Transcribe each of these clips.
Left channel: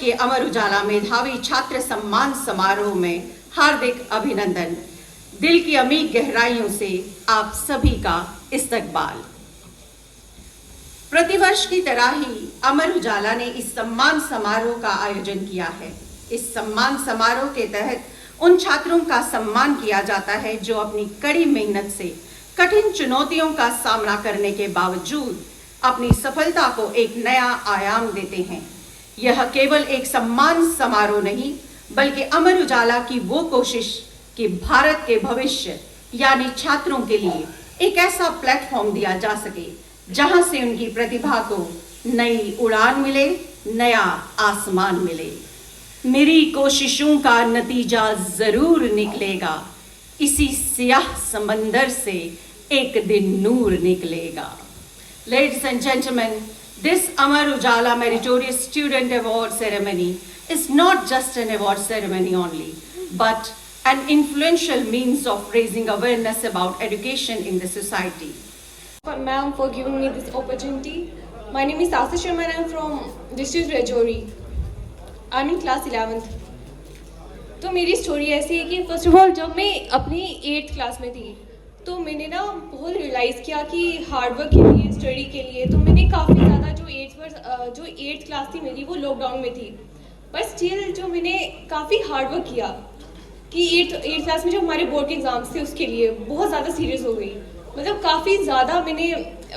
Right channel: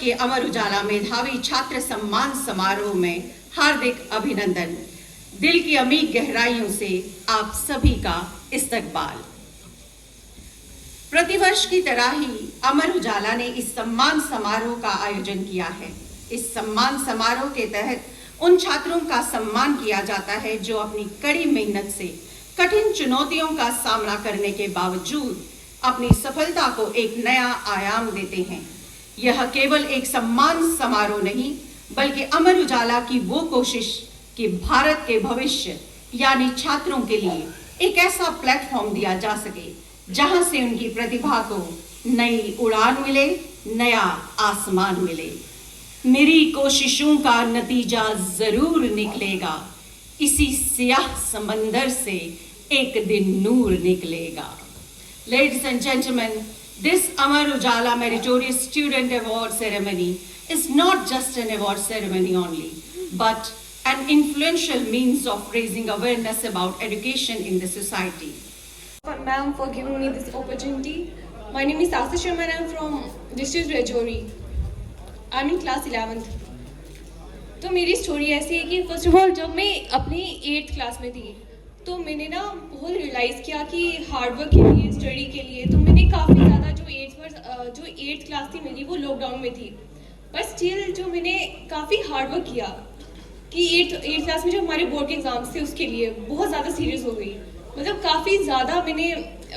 के अमर उजाला मेधावी छात्र सम्मान समारोह में हार्दिक अभिनंदन। दिल की अमीर गहराइयों से आप सभी का इस्तकबाल। प्रतिवर्ष की तरह ही अमर उजाला ने इस सम्मान समारोह का आयोजन किया है। इस सम्मान समारोह के तहत उन छात्रों का सम्मान किया जाता है जो अपनी कड़ी मेहनत से कठिन चुनौतियों का सामना करने के बावजूद अपनी सफलता को एक नया आयाम देते हैं। यह केवल एक सम्मान समारोह नहीं, बल्कि अमर उजाला की वो कोशिश कि भारत के भविष्य यानी छात्रों के लिए एक ऐसा प्लेटफॉर्म दिया जा सके जहां से उनकी प्रतिभा को नई उड़ान मिले, नया आसमान मिले। मेरी कोशिशों का नतीजा जरूर निकलेगा, इसी सियाह समंदर से एक दिन नूर निकलेगा। Ladies and gentlemen, this Amar Ujala Meritorious Student Award ceremony is not just an award ceremony only, but an influential means of raising awareness about education in the society. Ma'am, for giving me this opportunity. My name is Ashish Sharma and I am from district Rajouri. I am in class 11th. तो मेरी story ऐसी है कि first of all जब मैं अपनी 8th class में थी तो मैंने ना बहुत रियलाइज़ किया कि हार्डवर्क के लिए, स्टडी के लिए, तो मैंने काफ़ी ज़्यादा जो 8th क्लास थी मेरी वो लॉकडाउन में थी, पर स्टिल जो मैंने काफ़ी हार्डवर्क किया कि 8th क्लास में जो हमारे बोर्ड के एग्ज़ाम्स थे उसके लिए बहुत ज़्यादा सीरियस हो गई। मतलब काफ़ी ज़्यादा मैंने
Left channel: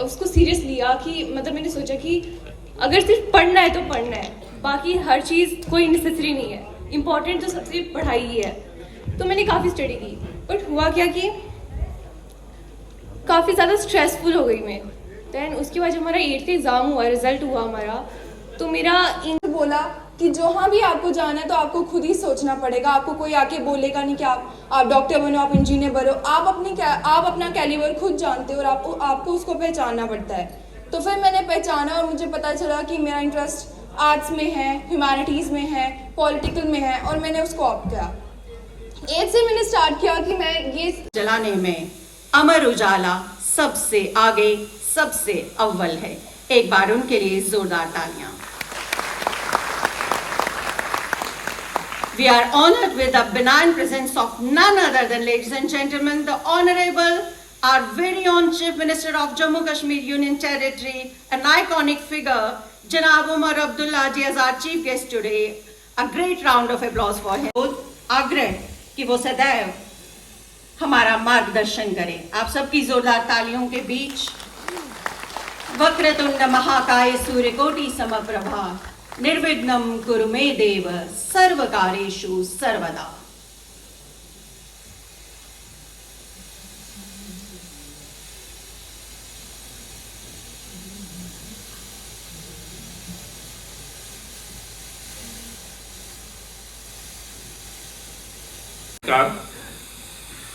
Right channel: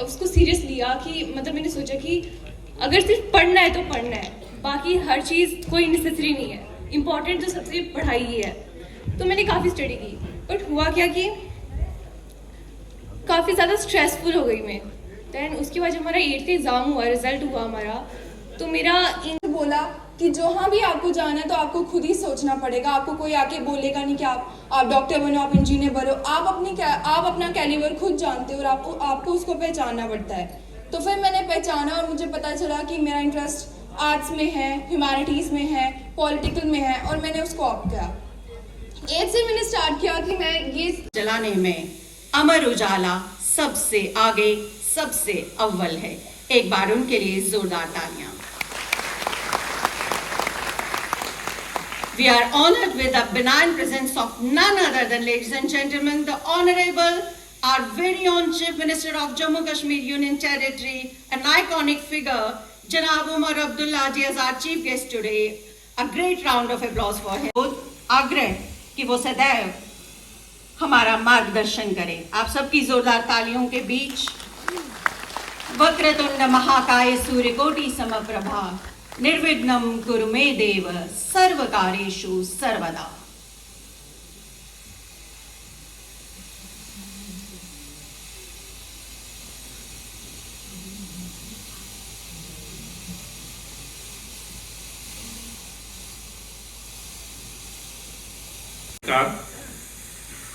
उसको सीरियस लिया कि मतलब मैंने सोचा कि अगर सिर्फ पढ़ना है तो पढ़ना है, बाकी हर चीज़ कोई नेसेसरी नहीं है, इम्पॉर्टेंट तो सबसे पढ़ाई ही है। तो मैंने काफ़ी स्टडी की, बट हुआ क्या कि काफ़ी ज़्यादा स्ट्रेसफुल हो गई मैं। दैन उसके बाद जब हमारा 8th एग्ज़ाम हुआ, रिजल्ट हुआ हमारा, तो मेरा बोला कि जहाँ भी आपको जाना है तो आपको खुद ही सोचना पड़ेगा। आपको कोई आके बोलेगा नहीं कि आप डॉक्टर बनो, आप इंजीनियर बनो। आप अपना कैलिबर खुद जानते हो और आपको उसको पहचानना पड़ता है। तो फिर मैंने पहचाना और मुझे पता चला कि मेरा इंटरेस्ट आर्ट्स में है, ह्यूमैनिटीज़ में है, पॉलिटिकल में है, और मैंने उसको ऑप्ट किया। 8 से मैंने स्टार्ट किया कि मैं ये जलाने में अमर उजाला सबसे आगे, सबसे अव्वल है। एक बार उनके लिए जोरदार तालियां। We are honored with the benign presence of none other than, ladies and gentlemen, the Honorable, our very own Chief Minister of Jammu Kashmir Union Territory, an iconic figure, Janab Umar Abdullah ji as our chief guest today. A great round of applause for him. आग्रह कि वो सदैव हमारा मार्गदर्शन करें। आप सबकी जोरदार तालियों के बीच वक्रतुंड महाकाय सूर्यकोटि समप्रभा निर्विघ्नं कुरु मे देव सर्वकार्येषु सर्वदा।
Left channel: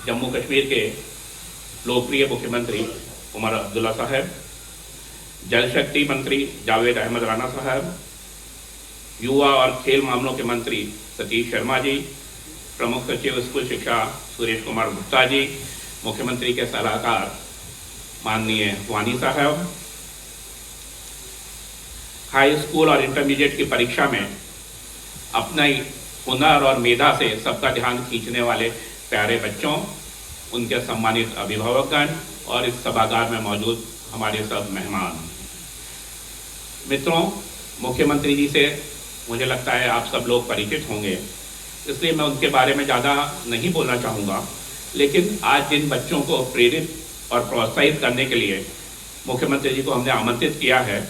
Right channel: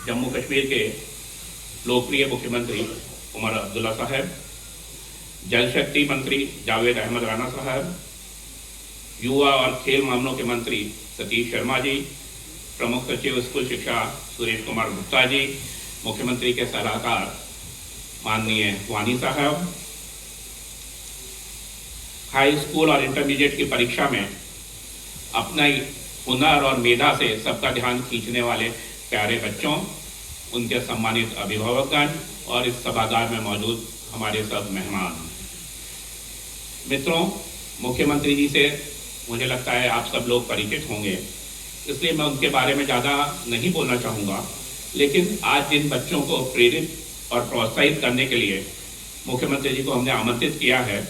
जम्मू कश्मीर के लोकप्रिय मुख्यमंत्री उमर अब्दुल्ला साहब, जल शक्ति मंत्री जावेद अहमद राणा साहब, युवा और खेल मामलों के मंत्री सतीश शर्मा जी, प्रमुख सचिव स्कूल शिक्षा सुरेश कुमार गुप्ता जी, मुख्यमंत्री के सलाहकार माननीय वानी साहब, हाई स्कूल और इंटरमीडिएट की परीक्षा में अपना हुनर और मेधा से सबका ध्यान खींचने वाले प्यारे बच्चों, उनके सम्मानित अभिभावकगण और इस सभागार में मौजूद हमारे सब मेहमान मित्रों, मुख्यमंत्री जी से मुझे लगता है आप सब लोग परिचित होंगे, इसलिए मैं उनके बारे में ज़्यादा नहीं बोलना चाहूँगा। लेकिन आज जिन बच्चों को प्रेरित और प्रोत्साहित करने के लिए मुख्यमंत्री जी को हमने आमंत्रित किया है,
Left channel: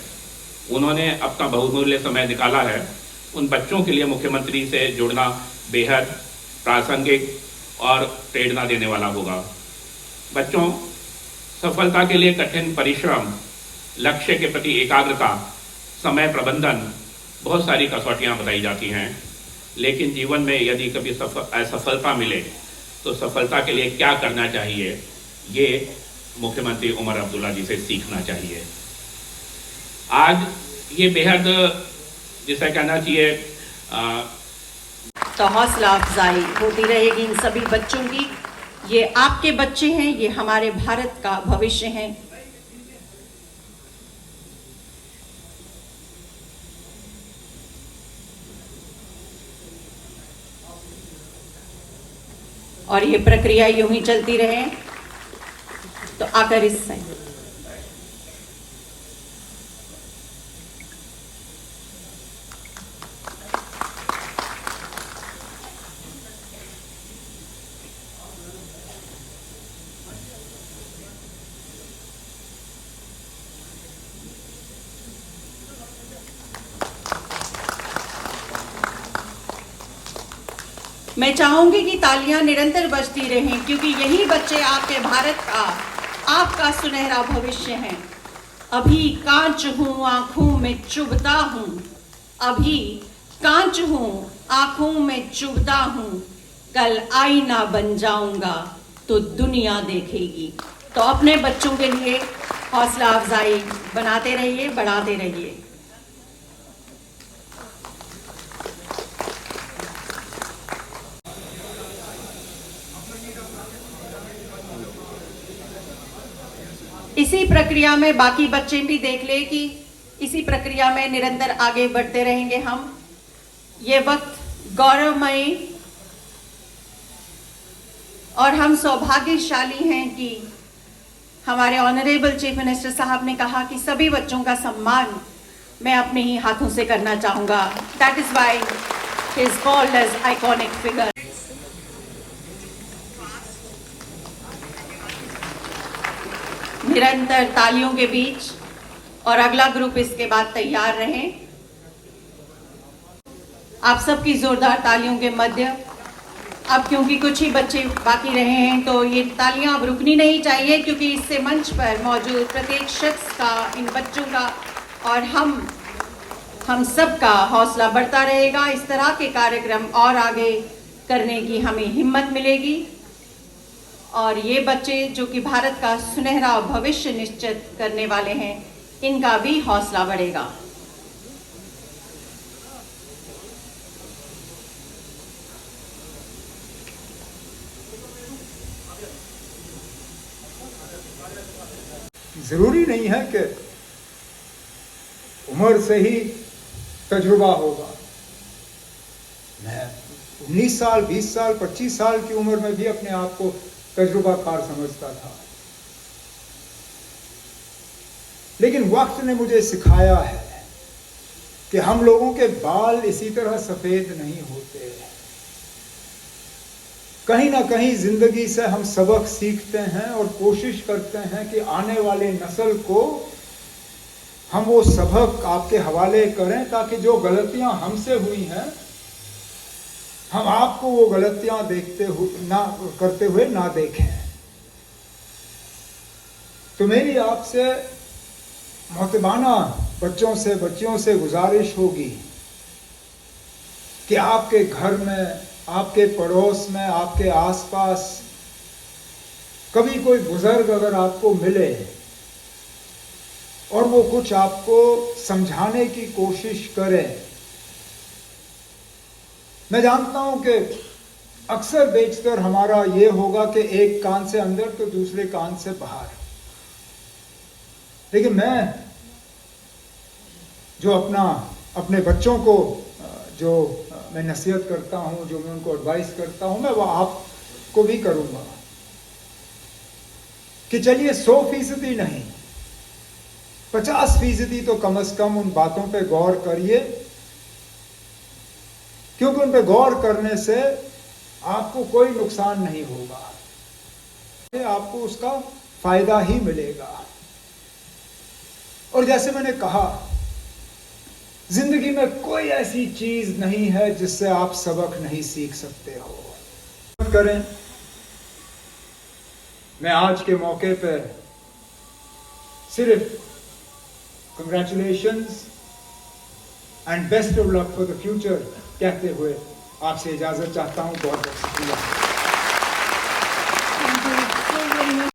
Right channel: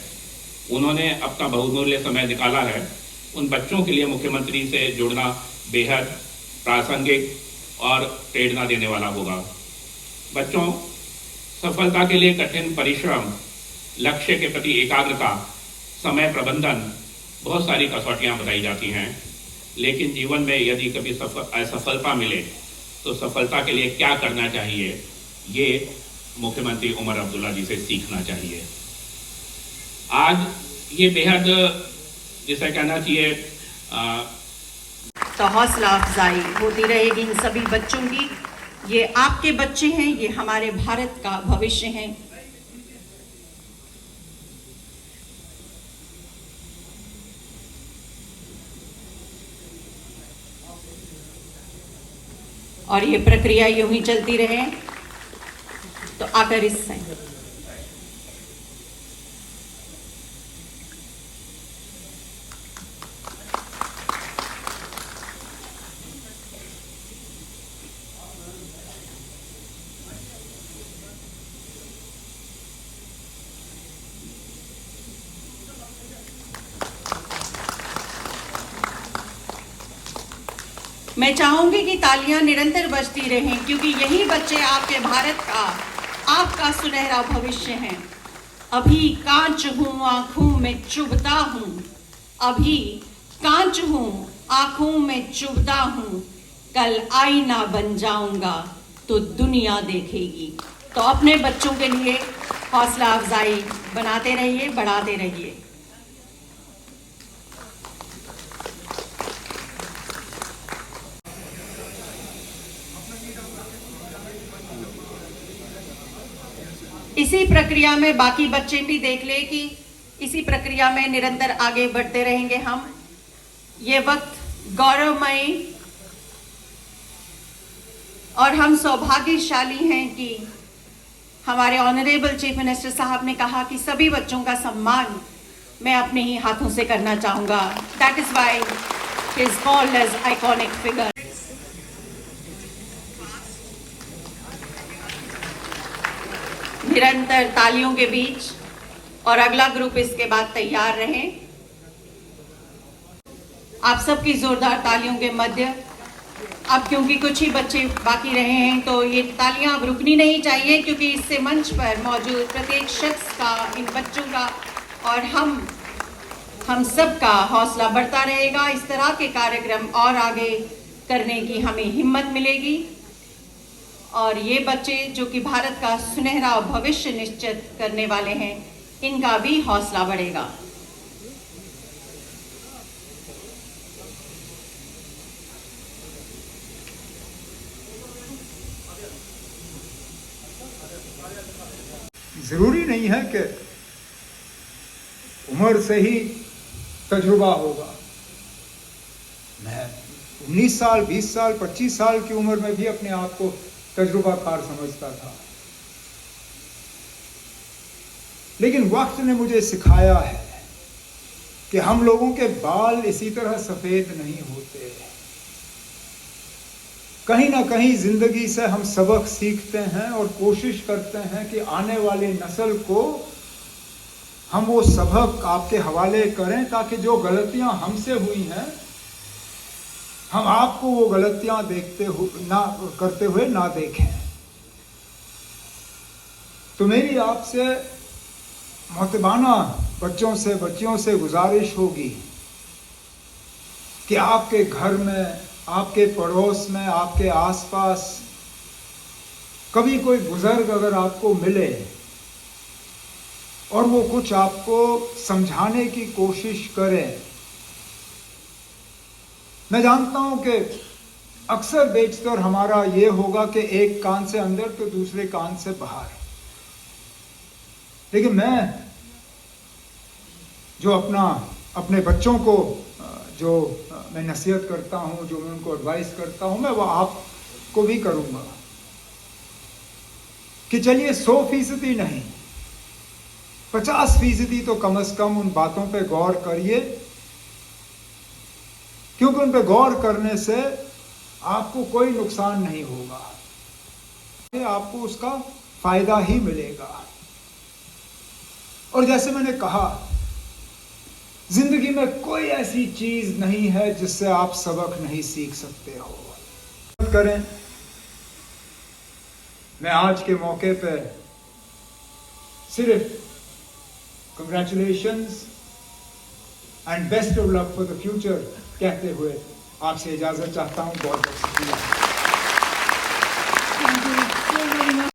उन्होंने अपना बहुमूल्य समय निकाला है। उन बच्चों के लिए मुख्यमंत्री से जुड़ना बेहद प्रासंगिक और प्रेरणा देने वाला होगा। बच्चों, सफलता के लिए कठिन परिश्रम, लक्ष्य के प्रति एकाग्रता, समय प्रबंधन, बहुत सारी कसौटियां बताई जाती हैं। लेकिन जीवन में यदि कभी असफलता मिले तो सफलता के लिए क्या करना चाहिए, ये मुख्यमंत्री उमर अब्दुल्ला जी से सीखना चाहिए। आज ये बेहद, जिसे कहना चाहिए, तो हौसला अफजाई होती रहेगी इन सभी बच्चों की। ये आपके बच्चे हैं, ये हमारे भारत का भविष्य हैं। और ये प्रक्रिया यूं ही चलती रहे तो आकर इससे मैं चाहूंगी कि तालियां निरंतर बजती रहें, क्योंकि यही बच्चे आपके भारत का, आपका सुनहरा भविष्य हैं। अभी कांच हूं आंखों में चुभता हूं, अभी कांच हूं आंखों में चुभता हूं, कल आईना बन जाऊंगा तो दुनिया देखेगी। तो अपने बच्चों के लिए हौसला अफजाई बनाते रहिए, बढ़ाते रहिए। इसी प्रक्रिया में बाकी बच्चे भी देख ले कि इसी प्रक्रिया में निरंतर आगे बढ़ते रहेंगे हम। ये वक्त गौरवमयी और हम सौभाग्यशाली हैं कि हमारे ऑनरेबल चीफ मिनिस्टर साहब ने कहा कि सभी बच्चों का सम्मान मैं अपने ही हाथों से करना चाहूंगा। That is why he is called as iconic figure. निरंतर तालियों के बीच और अगला ग्रुप इसके बाद तैयार रहे। आप सबकी जोरदार तालियों के मध्य अब क्योंकि कुछ ही बच्चे बाकी रहे हैं तो ये तालियां अब रुकनी नहीं चाहिए, क्योंकि इससे मंच पर मौजूद प्रत्येक शख्स का, इन बच्चों का और हम सब का हौसला बढ़ता रहेगा। इस तरह के कार्यक्रम और आगे करने की हमें हिम्मत मिलेगी और ये बच्चे जो कि भारत का सुनहरा भविष्य निश्चित करने वाले हैं, इनका भी हौसला बढ़ेगा। जरूरी नहीं है कि उम्र से ही तजुर्बा होगा। मैं 19 साल, 20 साल, 25 साल की उम्र में भी अपने आप को तजुर्बाकार समझता था, लेकिन वक्त ने मुझे सिखाया है कि हम लोगों के बाल इसी तरह सफेद नहीं होते। कहीं ना कहीं जिंदगी से हम सबक सीखते हैं और कोशिश करते हैं कि आने वाले नस्ल को हम वो सबक आपके हवाले करें, ताकि जो गलतियां हमसे हुई हैं हम आपको वो गलतियां करते हुए ना देखें। तो मेरी आपसे मोहतबाना बच्चियों से गुजारिश होगी कि आपके घर में, आपके पड़ोस में, आपके आसपास कभी कोई बुजुर्ग अगर आपको मिले और वो कुछ आपको समझाने की कोशिश करे। मैं जानता हूं कि अक्सर बेशतर हमारा ये होगा कि एक कान से अंदर तो दूसरे कान से बाहर, लेकिन मैं जो अपने बच्चों को जो मैं नसीहत करता हूं, जो मैं उनको एडवाइस करता हूं, मैं वो आपको भी करूंगा कि चलिए 100% नहीं, 50% तो कम से कम उन बातों पे गौर करिए, क्योंकि उन पे गौर करने से आपको कोई नुकसान नहीं होगा, आपको उसका फायदा ही मिलेगा। और जैसे मैंने कहा, जिंदगी में कोई ऐसी चीज नहीं है जिससे आप सबक नहीं सीख सकते हो। करें, मैं आज के मौके पे सिर्फ congratulations and best of luck for the future कहते हुए आपसे इजाजत चाहता हूं। बहुत बहुत शुक्रिया।